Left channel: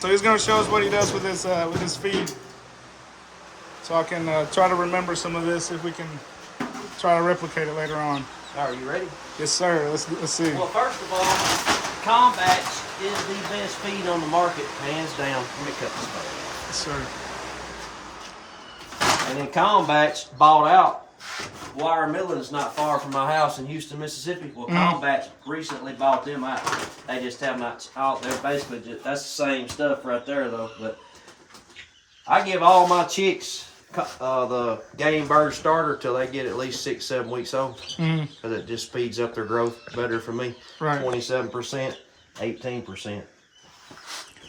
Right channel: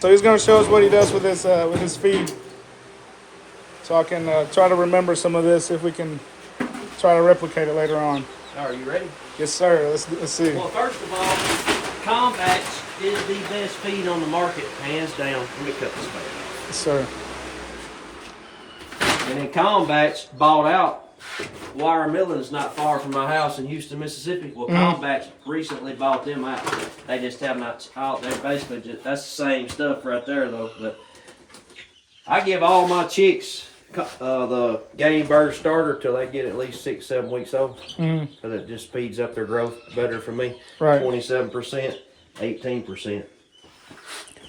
So he's gonna show us what he does with his feed. So I can try to remember some of this if we can try to replicate it later on. Are you ready? Yes, sir. Let's see. Well, first of all, Combatch is the best feed on the market, hands down. Let me cut this. Yes, sir. And then Combatch bought out Wire Milling's not far from my house in Houston, Mississippi. Well, Combatch recently bought them out. They just have not out there. Basically, that's the same stuff right there, though. But I give all my chicks the game bird starter till they get at least 6-7 weeks old. Because it just speeds up their growth better for me. Right. 27%, 18%.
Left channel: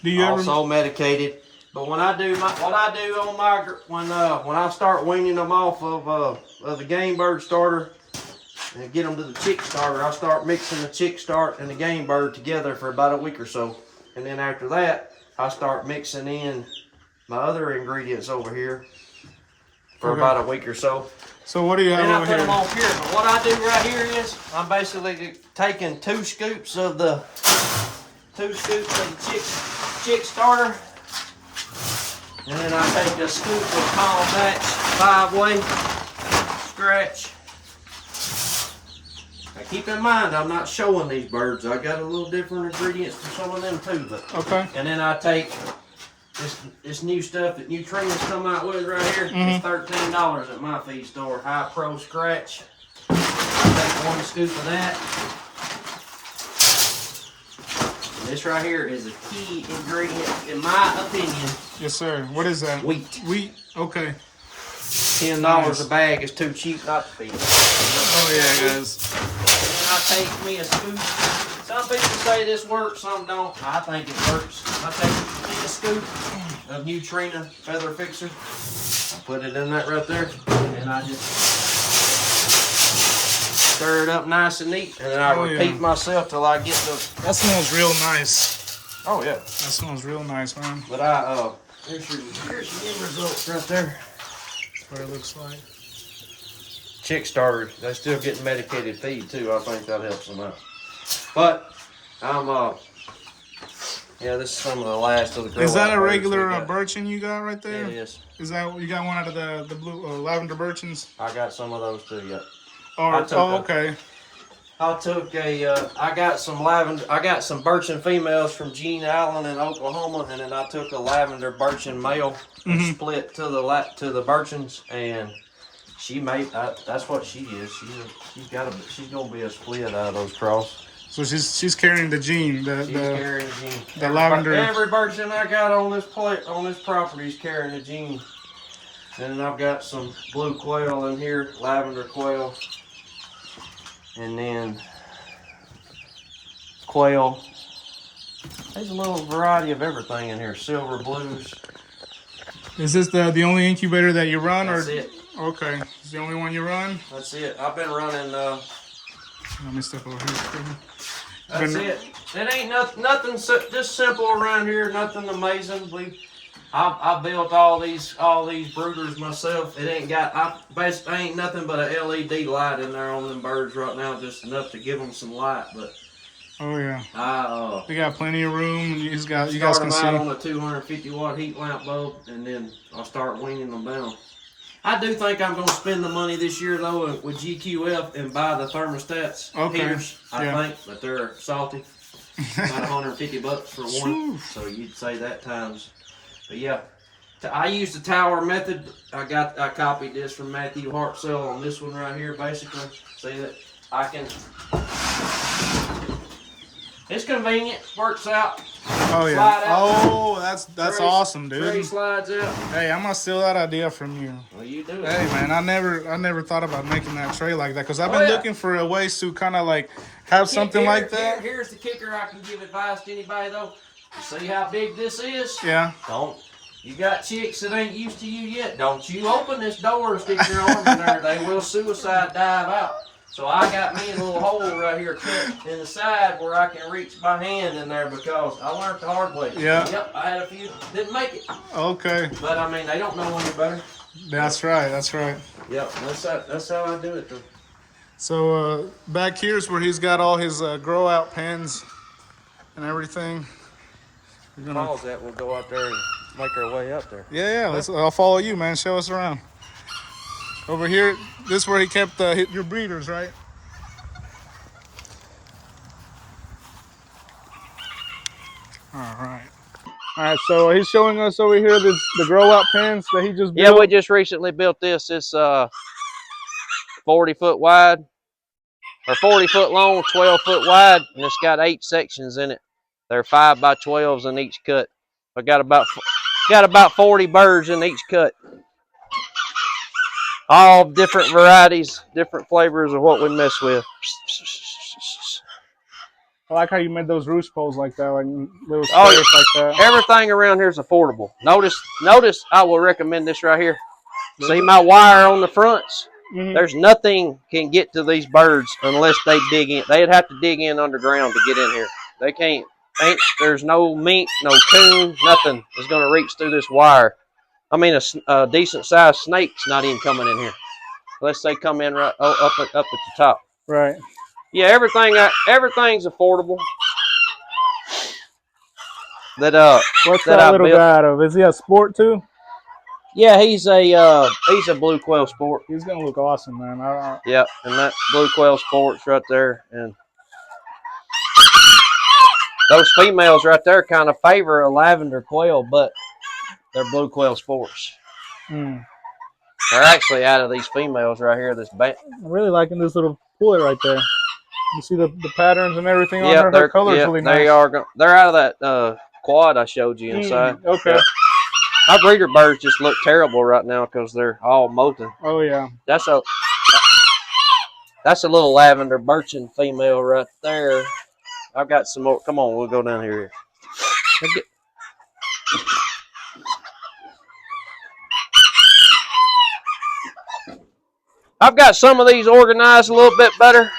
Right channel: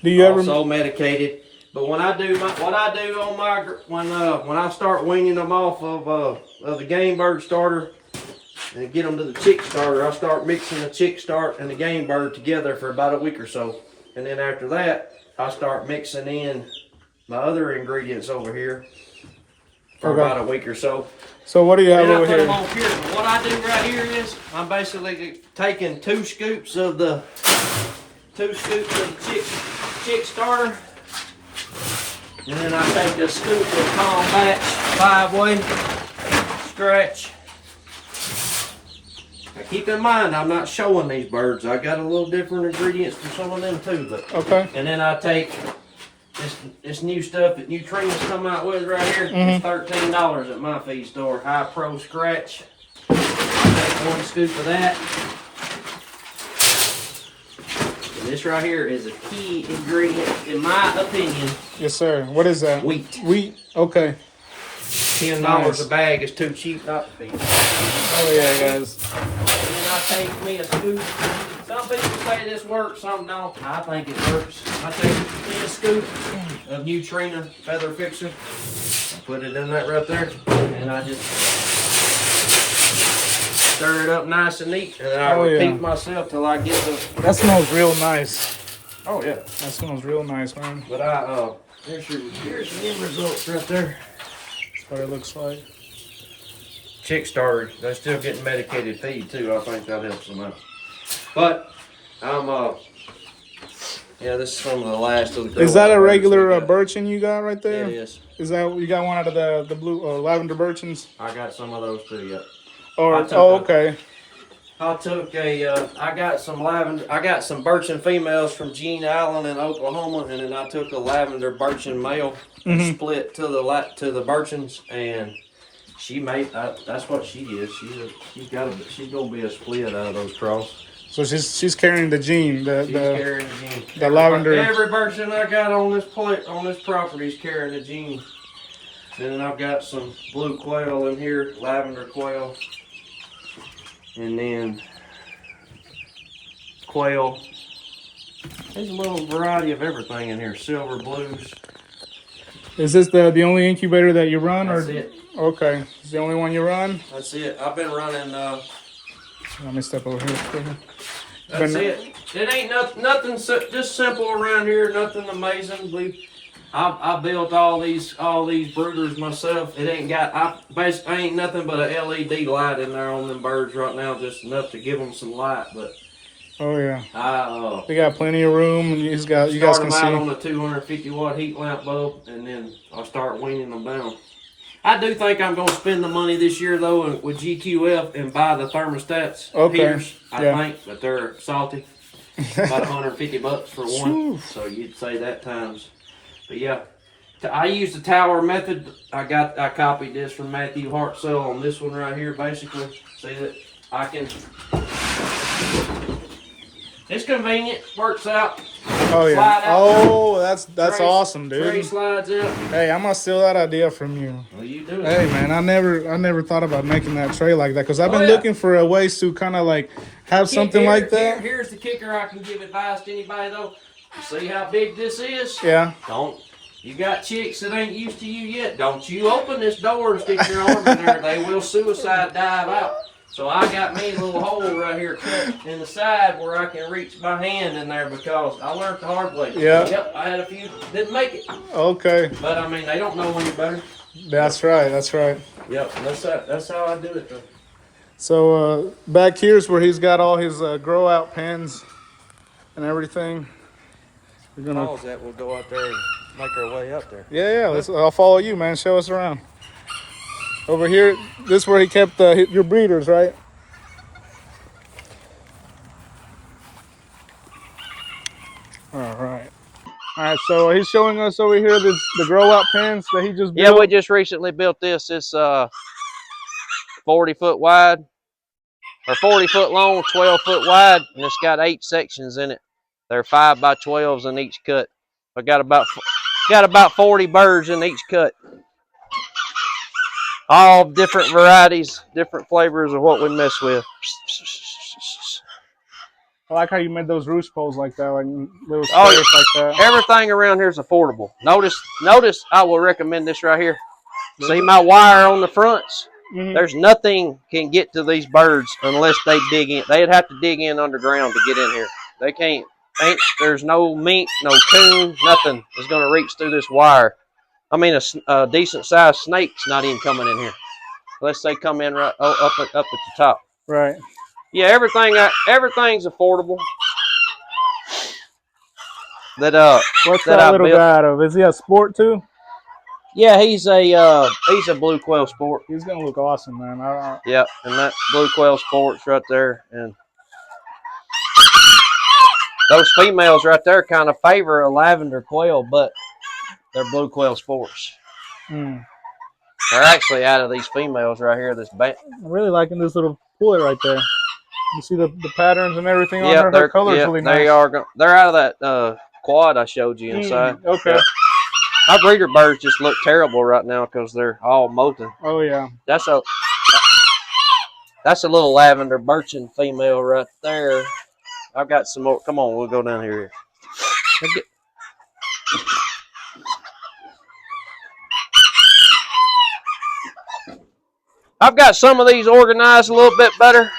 Do you also medicated? But when I do when I start weaning them off of the game bird starter and get them to the chick starter, I start mixing the chick start and the game bird together for about a week or so, and then after that I start mixing in my other ingredients over here for about a week or so. So what do you have over here? What I do right here is I'm basically taking 2 scoops of the chick starter. And then I take a scoop of Combatch 5-way scratch. Now keep in mind, I'm not showing these birds. I got a little different ingredients for some of them too. But okay. And then I take this new stuff that Nutrients come out with right here. It's $13 at my feed store. High Pro Scratch. I take 1 scoop of that. This right here is a key ingredient, in my opinion. Yes, sir. What is that? Wheat. Wheat? Okay. $10 a bag is too cheap not to feed. Oh, yeah, guys. And I take me a scoop. Some people say this works, some don't. I think it works. I take a scoop of Nutrina Feather Fixer. Put it in that right there. And I just stir it up nice and neat, and then I repeat myself till I get the. That smells real nice. Oh yeah, that smells real nice, man. But here's your end results right there. That's what it looks like. Chick starters, they're still getting medicated feed too. I think that helps them out. But yeah, this is some of the last of the. Is that a regular birchin you got right there? Yeah, it is. Is that you got one out of the blue lavender birchins? I got some of those too. Yeah. Okay. I took I got some birchin females from Gene Allen in Oklahoma, and then I took a lavender birchin male and split to the birchins, and she made that's what she is. She's gonna be a split out of those cross. So she's carrying the gene, carrying the gene. The lavender. Every birchin I got on this property is carrying the gene. And then I've got some blue quail in here, lavender quail. And then quail. There's a little variety of everything in here. Silver blues. Is this the only incubator that you run? That's it. Okay. It's the only one you run? That's it. I've been running let me step over here. That's it. It ain't nothing just simple around here, nothing amazing. I built all these brooders myself. It ain't ain't nothing but a LED light in there on them birds right now, just enough to give them some light. But oh yeah, they got plenty of room. You guys can start them see. out on a 250 watt heat lamp bulb, and then I'll start weaning them down. I do think I'm going to spend the money this year though with GQF and buy the thermostats. Okay. Heaters, I think, but they're salty. About $150 for one. So you'd say that times. But yeah, I use the tower method. I copied this from Matthew Hartzell on this one right here. Basically, see that I can. It's convenient. Works out. Oh yeah. Oh, that's awesome, dude. Tray slides out. Hey, I'm gonna steal that idea from you. Well, you do. Hey man, I never thought about making that tray like that because I've been looking for a way to kind of like have something like that. Here's the kicker. I can give advice to anybody though. You see how big this is? Yeah. You got chicks that ain't used to you yet. Don't you open this door and stick your arm in there. They will suicide dive out. So I got me a little hole right here cut in the side where I can reach my hand in there because I learned the hard way. Yeah. Yep, I had a few didn't make it. Okay. But I mean, they don't know any better. That's right. That's right. Yep, that's how I do it though. So back here's where he's got all his grow out pens and everything. We're gonna. Pause that. We'll go out there and make our way up there. Yeah, yeah. I'll follow you, man. Show us around. Over here, this is where he kept your breeders, right? All right. All right. So he's showing us over here the grow out pens that he just built. Yeah, we just recently built this. It's 40 foot wide, or 40 foot long, 12 foot wide, and it's got 8 sections in it. They're 5 by 12s in each cut. I got about 40 birds in each cut. All different varieties, different flavors of what we mess with. I like how you made those roost poles like that, like little squares like that. Everything around here is affordable. Notice, I will recommend this right here. See my wire on the fronts? There's nothing can get to these birds unless they dig in. They'd have to dig in underground to get in here. They can't. There's no mink, no coon, nothing is going to reach through this wire. I mean, a decent sized snake's not even coming in here unless they come in right up at the top. Right. Yeah, everything's affordable. What's that little guy out of? Is he a sport too? Yeah, he's a blue quail sport. He's gonna look awesome, man. Yeah, and that blue quail sport's right there, and those females right there kind of favor a lavender quail, but they're blue quail sports. They're actually out of these females right here. I'm really liking this little pullet right there. You see the patterns and everything on her. Her color's really nice. They're out of that quad I showed you inside. Okay. Yeah. My breeder birds just look terrible right now because they're all molting. Oh yeah. That's a little lavender birchen female right there. I've got some more. Come on, we'll go down here. I've got some of these organized a little bit better.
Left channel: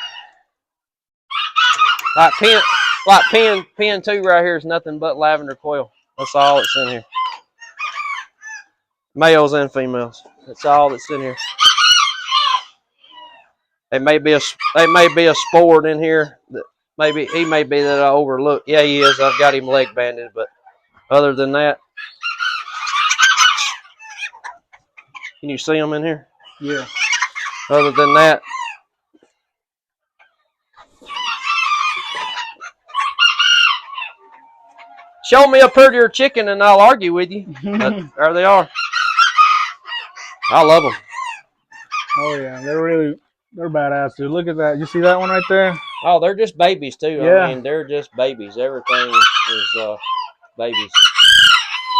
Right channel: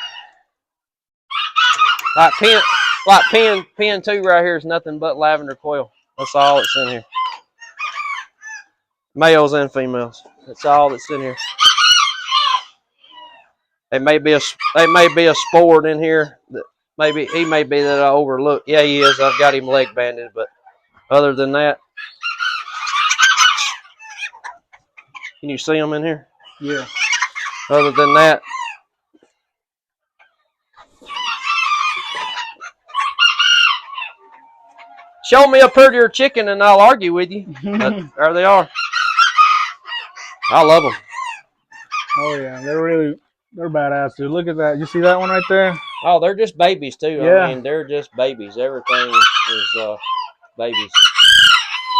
Like pen 2 right here is nothing but lavender quail. That's all that's in here. Males and females. That's all that's in here. There may be a sport in here that he may be that I overlooked. Yeah, he is. I've got him leg banded, but other than that, can you see him in here? Yeah. Other than that, show me a prettier chicken and I'll argue with you. There they are. I love them. Oh yeah, they're badass, dude. Look at that. You see that one right there? Oh, they're just babies too. Yeah. I mean, they're just babies. Everything is babies.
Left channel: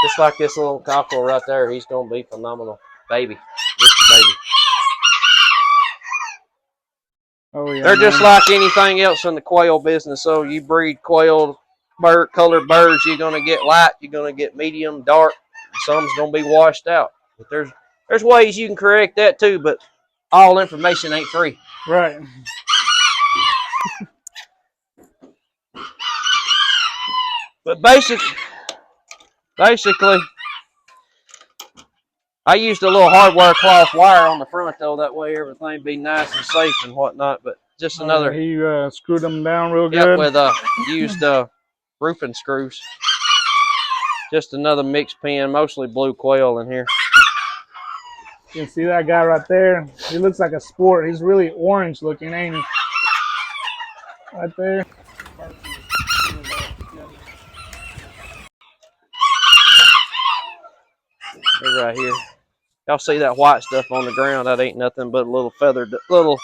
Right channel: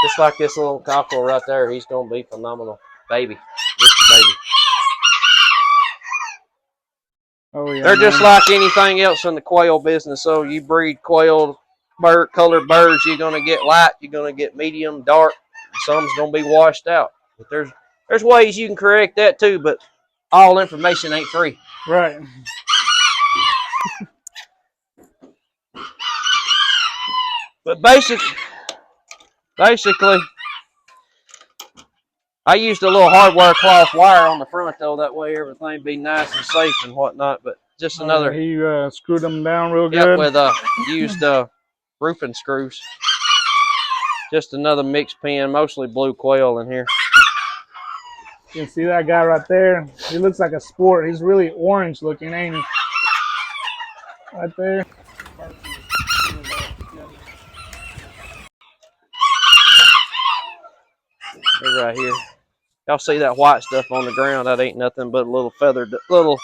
Just like this little cockerel right there. He's gonna be phenomenal. Baby. Just a baby. Oh yeah. They're just like anything else in the quail business. So you breed quail colored birds, you're gonna get light, you're gonna get medium, dark, some's gonna be washed out. But there's ways you can correct that too, but all information ain't free. Right. But basically, I used a little hardware cloth wire on the front though. That way everything be nice and safe and whatnot. But just another. He screwed them down real good. Yeah, with used roofing screws. Just another mixed pen, mostly blue quail in here. You can see that guy right there. He looks like a sport. He's really orange looking, ain't he? Right there. They're right here. Y'all see that white stuff on the ground? That ain't nothing but a little feathered, little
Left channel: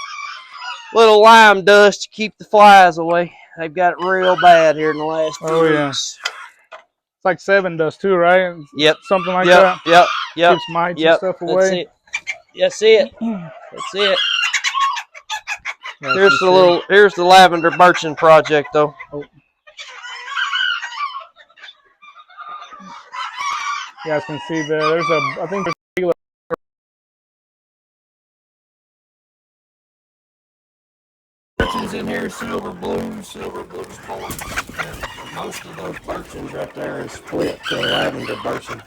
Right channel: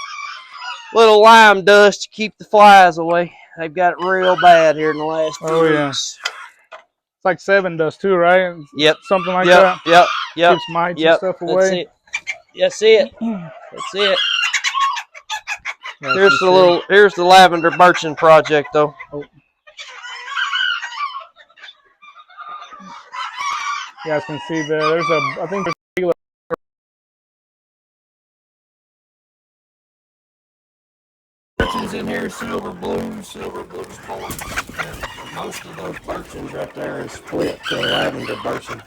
lime dust to keep the flies away. They've got it real bad here in the last few weeks. Yeah. It's like 7 dust too, right? Yep. Something like that. Yep. Keeps mites and stuff away. That's it. Here's the lavender birchen project though. Oh. You guys can see there's I think there's regular birchens in here, silver blues points. And most of those birchens right there is split to lavender birchen.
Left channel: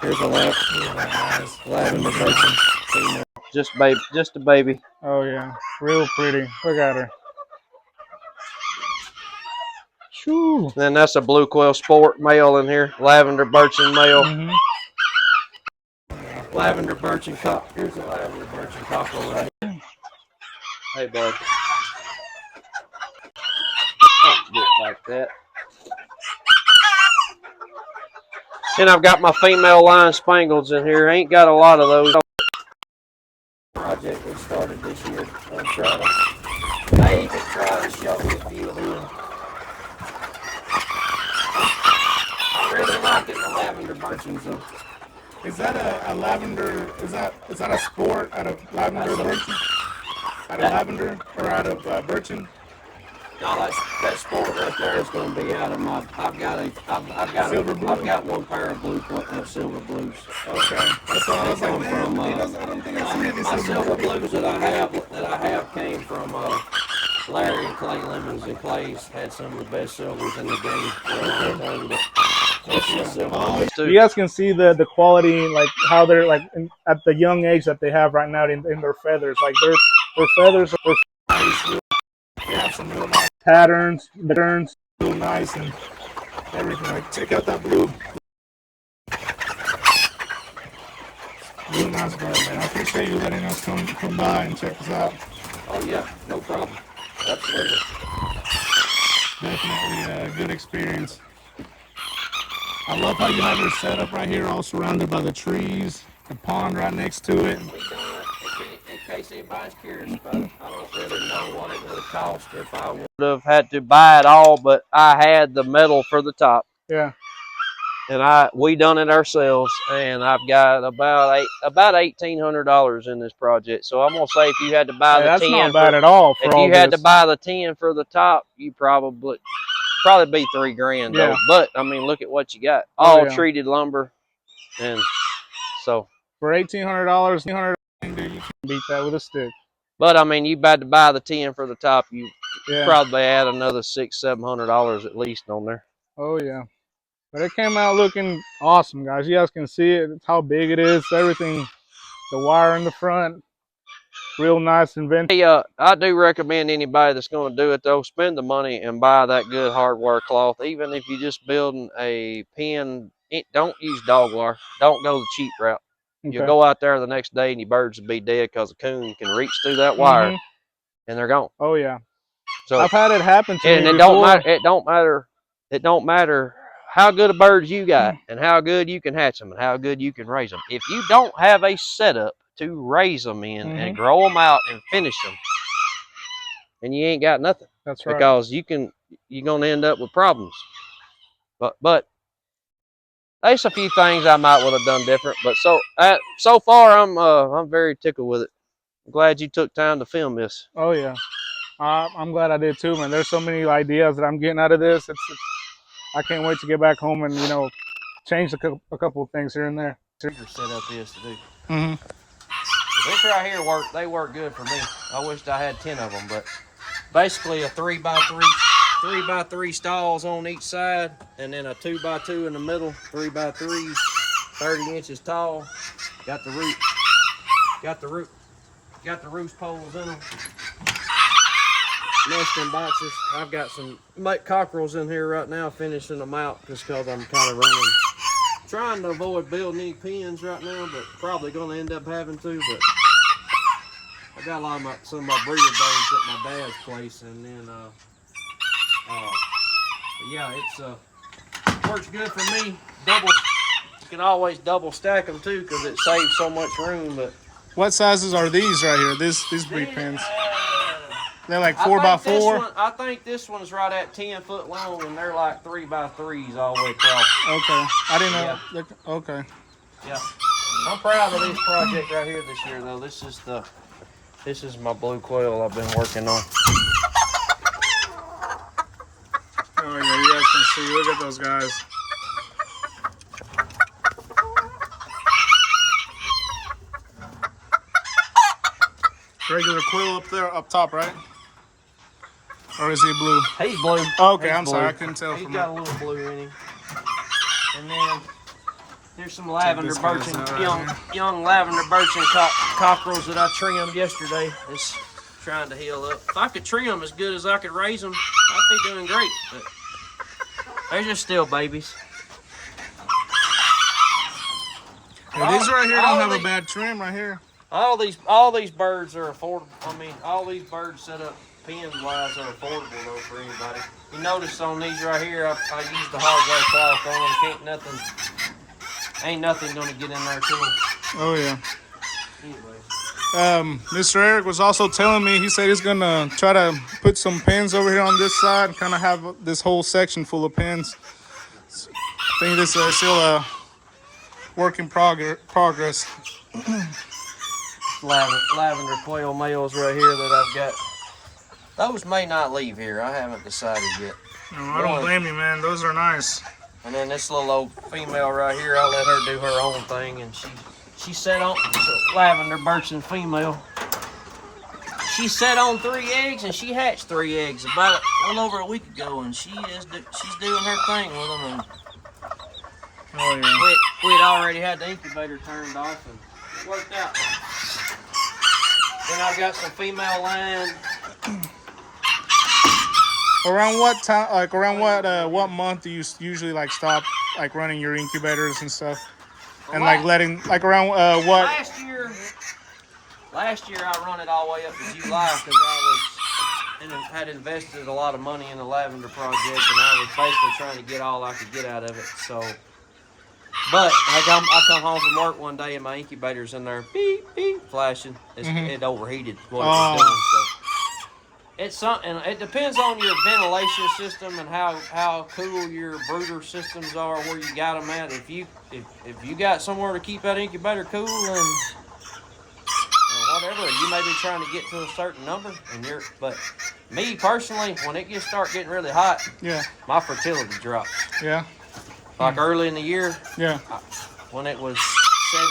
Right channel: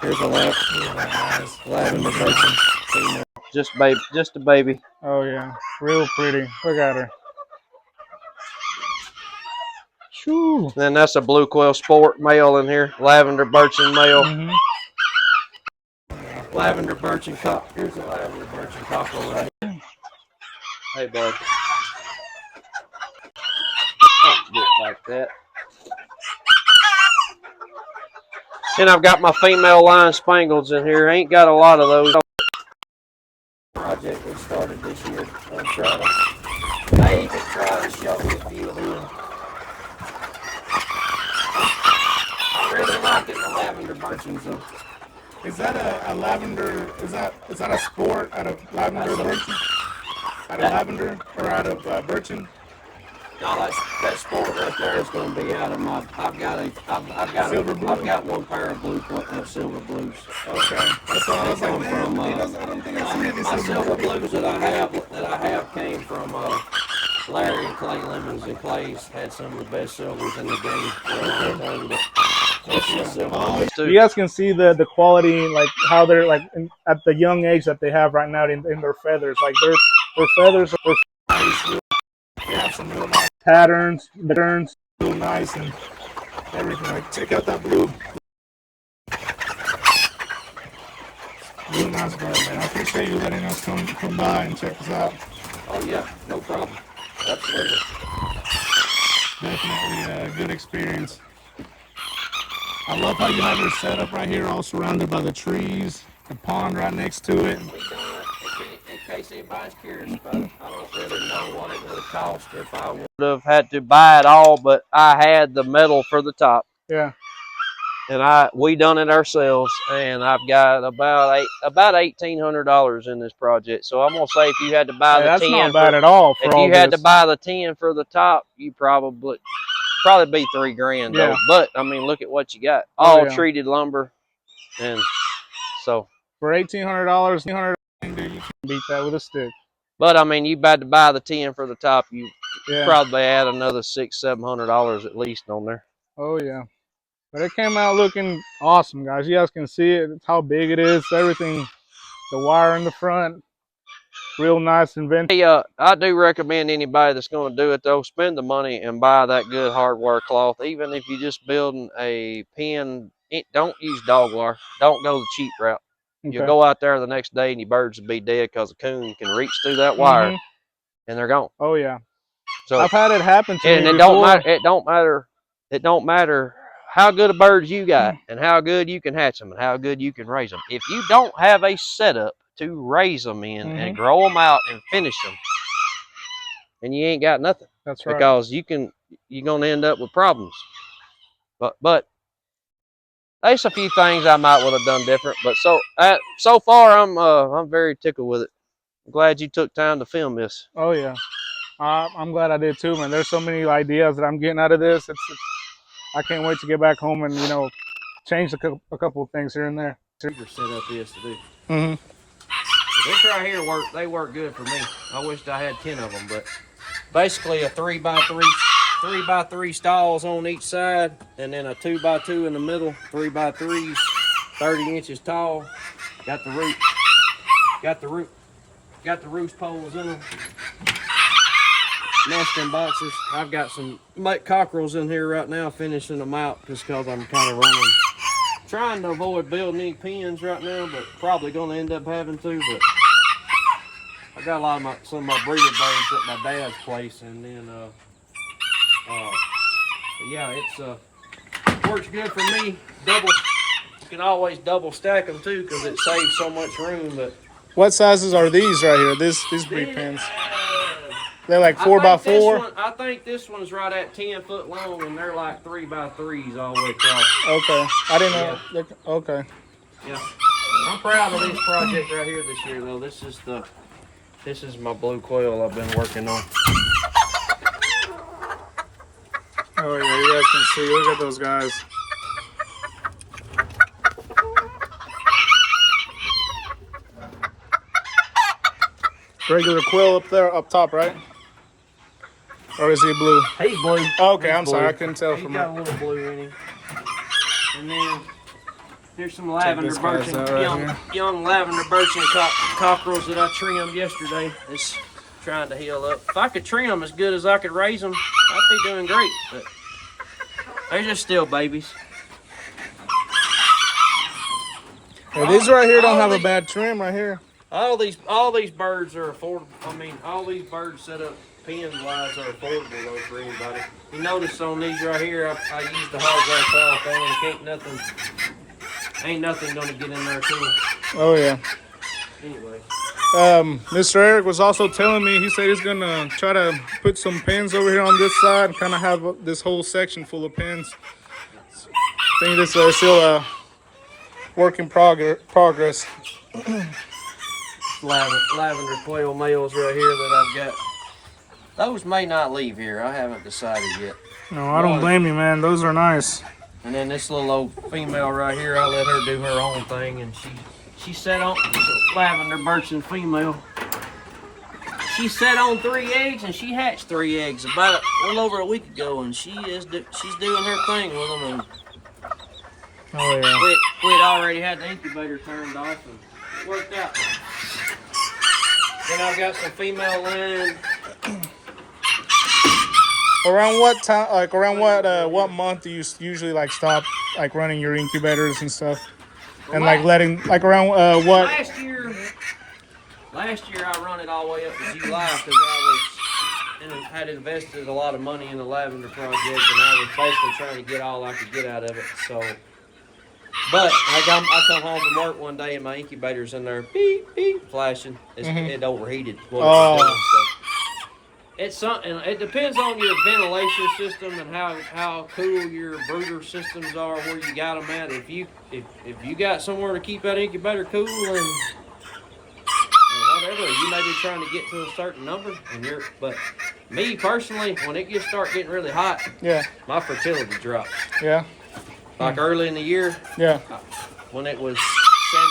Here's a lavender birchen. Just a baby. Oh yeah, real pretty. Look at her. Ooh. Then that's a blue quail sport male in here. Lavender birchen male. Mm-hmm. Lavender birchen cock. Here's a lavender birchen cockerel right here. Hey, bud. Don't get like that. And I've got my female line spangles in here. Ain't got a lot of those. Project we started this year. I even tried to show you a few of them. I really like it, the lavender birchens though. Is that a lavender? Is that a sport out of lavender birchen? Out of lavender or out of birchen? No, that sport right there is going to be out of my. I've got one pair of silver blues. Okay, that's all I was like. From I don't think I see any my silver silver blues that I have came from Larry and Clay Lemons, and Clay's had some of the best silvers in the game. You guys can see the quality, like how they're like at the young age that they have right now in their feathers. Like their feathers are nice. They have some real nice patterns. The turns real nice and everything. Like check out that blue. Real nice bird, man. I appreciate you letting us come by and check us out. Oh yeah, no problem. Absolutely. Definitely a good experience. I love how you have your setup right here, all surrounded by the trees, the pond right next to it. In case anybody's curious about it, I don't really know what it would have cost if I would have had to buy it all, but I had the metal for the top. Yeah. And we done it ourselves, and I've got about $1,800 in this project. So I'm gonna say if you had to buy the that's 10, not bad at all. If you had to buy the 10 for the top, you probably be $3,000 though. But I mean, look at what you got, all treated lumber, and so for $1,800, you can beat that with a stick. But I mean, you had to buy the 10 for the top, you probably add another $600-700 at least on there. Oh yeah. But it came out looking awesome, guys. You guys can see it. It's how big it is. Everything, the wire in the front, real nice invention. Hey, I do recommend anybody that's going to do it, though, spend the money and buy that good hardware cloth. Even if you're just building a pen, don't use dog wire. Don't go the cheap route. Okay. You'll go out there the next day and your birds will be dead because a coon can reach through that wire and they're gone. Oh, yeah. So I've had it happen to me before. It don't matter how good a birds you got and how good you can hatch them and how good you can raise them. If you don't have a setup to raise them in and grow them out and finish them, and you ain't got nothing. That's right. Because you're gonna end up with problems. But there's a few things I might would have done different. But so far I'm very tickled with it. I'm glad you took time to film this. Oh yeah, I'm glad I did too, man. There's so many ideas that I'm getting out of this. I can't wait to get back home and change a couple of things here and there. Set up this to do. This right here they work good for me. I wished I had 10 of them, but basically a 3x3 stalls on each side, and then a 2x2 in the middle, 3x3s, 30 inches tall. Got the roost poles in them. Nesting boxes. I've got some cockerels in here right now, finishing them out just because I'm kind of trying to avoid building any pens right now, but probably going to end up having to. But I got some of my breeder birds at my dad's place, and then yeah, it works good for me. You can always double stack them too because it saves so much room. But what sizes are these right here? These breed pens. They're like 4x4. I think this one's right at 10 foot long, and they're like 3x3s all the way across. Okay, I didn't know. Yeah. Okay. Yeah, I'm proud of this project right here this year, though. This is my blue quail I've been working on. Oh yeah, you guys can see. Look at those guys. Regular quill up top, right? Or is he blue? He's blue. Okay, I'm sorry, I couldn't tell from from got it. A little blue in him. And then here's some lavender birchen, young lavender birchen cockerels that I trimmed yesterday. It's trying to heal up. If I could trim them as good as I could raise them, I'd be doing great. But They're just still babies. Yeah, these right here don't have a bad trim right here. All these birds are affordable. I mean, all these birds set up pens wise are affordable though for anybody. You notice on these right here, I use the hard glass cloth on them. Ain't nothing gonna get in there to them. Oh yeah. Anyway. Mr. Eric was also telling me, he said he's gonna try to put some pins over here on this side, kind of have this whole section full of pins. I think this is still a work in progress. Lavender quail males right here that I've got. Those may not leave here. I haven't decided yet. No, I don't blame you, man. Those are nice. And then this little old female right here, I let her do her own thing, and she set on lavender birchen female. She set on 3 eggs, and she hatched 3 eggs about a little over a week ago, and she's doing her thing with them. And oh yeah. We'd already had the incubator turned off, and it worked out. Then I've got some female line. Around what time? Like around what month do you usually like stop like running your incubators and stuff, and like letting like around what? Last year I run it all the way up to July because I had invested a lot of money in the lavender project, and I was basically trying to get all I could get out of it. So, but I come home from work one day and my incubator's in there, beep beep, flashing. It overheated. It's something. It depends on your ventilation system and how cool your brooder systems are, where you got them at. If you got somewhere to keep that incubator cool and whatever, you may be trying to get to a certain number, but me personally, when it start getting really hot, yeah, my fertility drops. Yeah. Like early in the year, yeah, when it was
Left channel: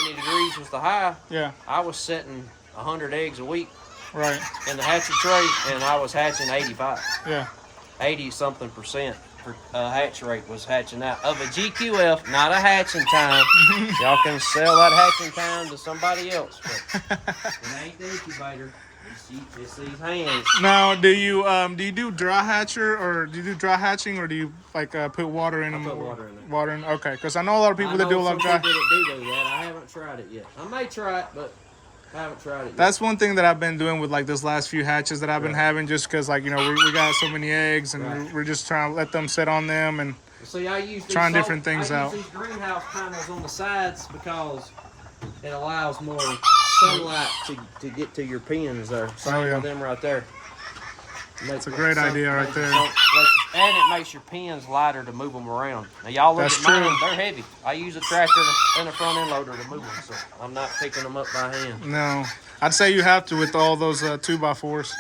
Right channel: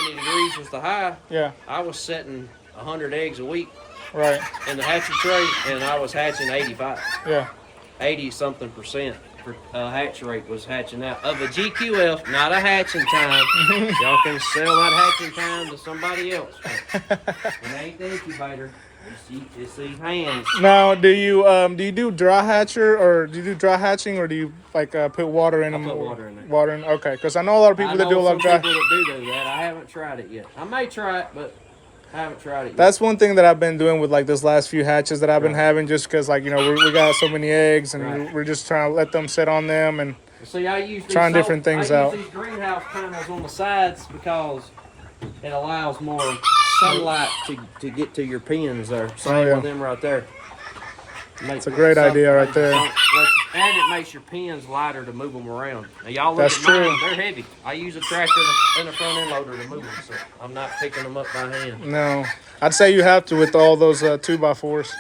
70 degrees was the high, yeah, I was setting 100 eggs a week. Right. In the hatching tray, and I was hatching 85. Yeah. 80-something% hatch rate was hatching out of a GQF, not a hatching time. Y'all can sell that hatching time to somebody else. It ain't the incubator. It's these hands. Now, do you do dry hatcher, or do you do dry hatching, or do you like put water in them? Put water in there. Water in. Okay, because I know a lot of people that do a lot of dry. People that do that. I haven't tried it yet. I may try it, but I haven't tried it yet. That's one thing that I've been doing with like this last few hatches that I've been having, just because like we got so many eggs, and we're just trying to let them sit on them and see. I use trying different things out. I use these greenhouse panels on the sides because it allows more sunlight to get to your pins there. Same with them right there. It's a great idea right there. And it makes your pins lighter to move them around. Now, y'all look at mine, they're heavy. I use a tractor and a front end loader to move them, so I'm not picking them up by hand. No. I'd say you have to with all those 2x4s.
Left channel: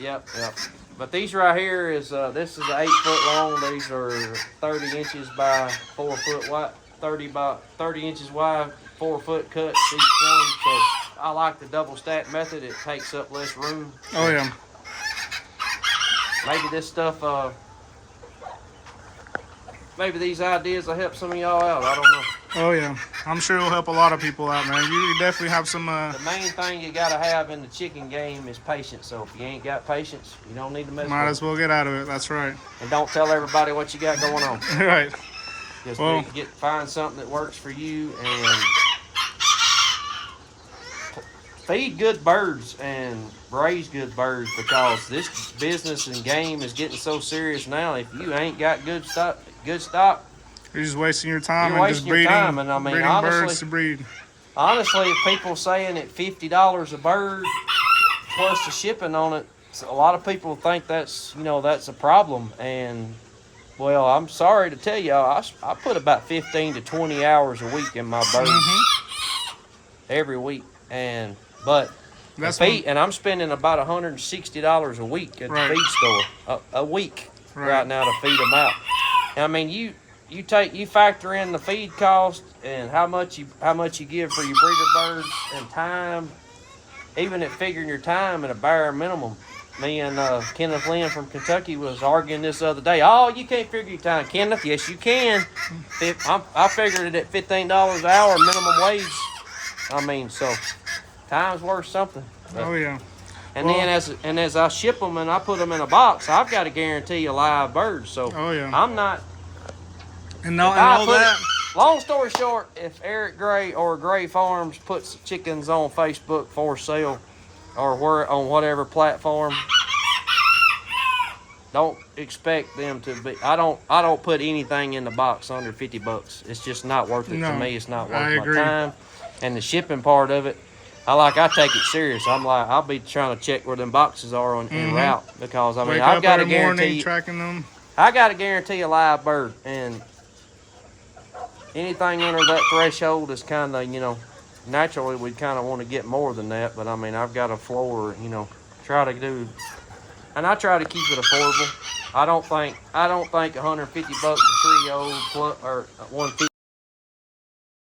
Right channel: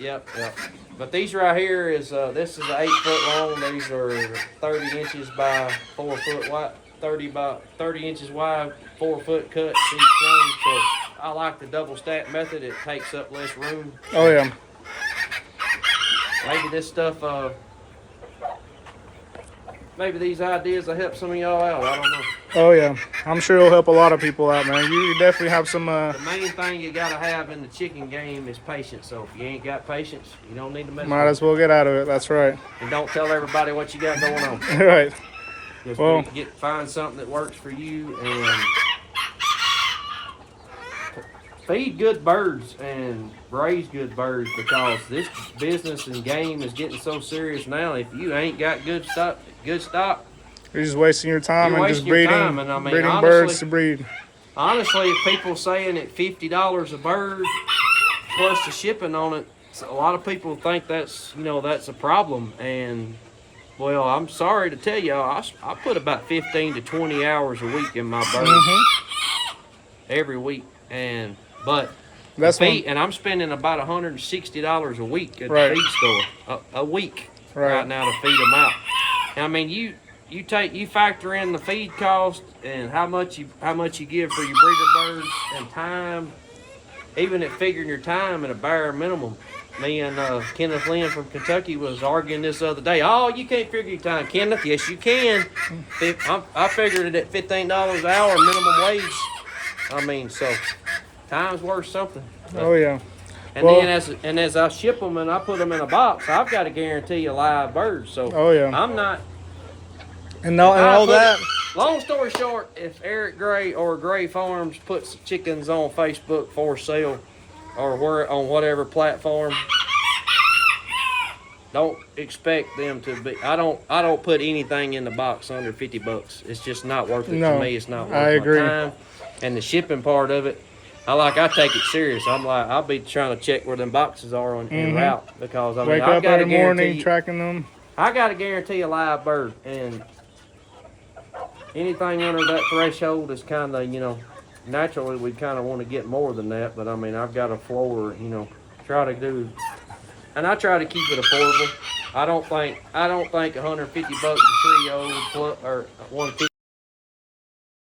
Yeah. But these right here is, this is 8 foot long. These are 30 inches by 4 foot wide, 30 inches wide, 4 foot cut each one. So I like the double stack method. It takes up less room. Oh, yeah. Maybe this stuff, maybe these ideas will help some of y'all out. I don't know. Oh, yeah. I'm sure it'll help a lot of people out, man. You definitely have some... The main thing you got to have in the chicken game is patience. So if you ain't got patience, you don't need to mess with it. Might as well get out of it. That's right. And don't tell everybody what you got going on. Right. Just find something that works for you and feed good birds and raise good birds, because this business and game is getting so serious now. If you ain't got good stock, you're just wasting your time and just breeding honestly, birds to breed. Honestly, if people saying at $50 a bird plus the shipping on it, a lot of people think that's a problem. And well, I'm sorry to tell y'all, I put about 15 to 20 hours a week in my birds every week, and I'm spending about $160 a week at the feed store a week right now to feed them out. And I mean, you factor in the feed cost and how much you give for your breeder birds and time, even at figuring your time at a bare minimum. Me and Kenneth Lynn from Kentucky was arguing this the other day. Oh, you can't figure your time, Kenneth. Yes, you can. I figured it at $15 an hour minimum wage. I mean, so time's worth something. Oh yeah. And then as I ship them and I put them in a box, I've got to guarantee a live bird. So oh yeah. I'm not And all that. Long story short, if Eric Gray or Gray Farms puts chickens on Facebook for sale, or on whatever platform, don't expect them to be. I don't put anything in the box under $50. It's just not worth it to me. It's not worth my time. And the shipping part of it, I take it serious. I'll be trying to check where them boxes are en route, because wake up every morning tracking them. I got to guarantee a live bird, and anything under that threshold is kind of, naturally we kind of want to get more than that. But I mean, I've got a floor, try to do, and I try to keep it affordable. I don't think $150 a trio or 150.